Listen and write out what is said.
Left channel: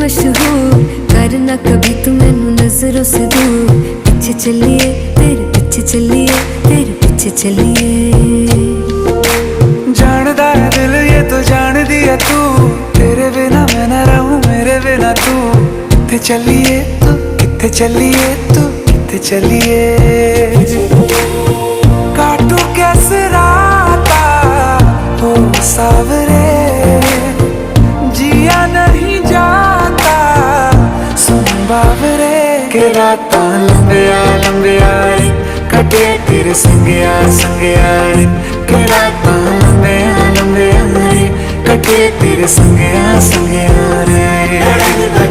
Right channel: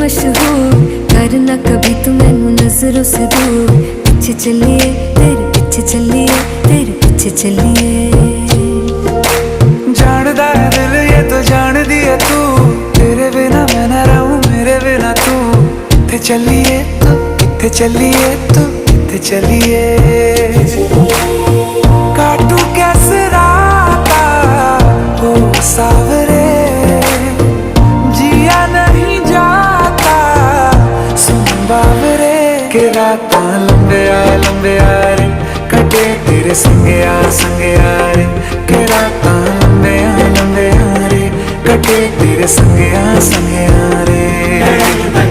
मशहूर, करना कभी तू मैनू नजरों से दूर। पीछे चलिए तेरे पीछे चलिए, तेरे पीछे चलिए। जानदा है दिल ये तो जान दिया तू, तेरे बिना मैं ना रहूं मेरे बिना तू। किथे चलिए तू, किथे चलिए तू, किथे चलिए। काटू कैसे राता हो सावरे, जिया नहीं जाता सुन बावरे। के रातां लंबिया लंबिया रे, कटे तेरे संगया संगया रे। के रातां लंबिया लंबिया रे, कटे तेरे संगया संगया रे।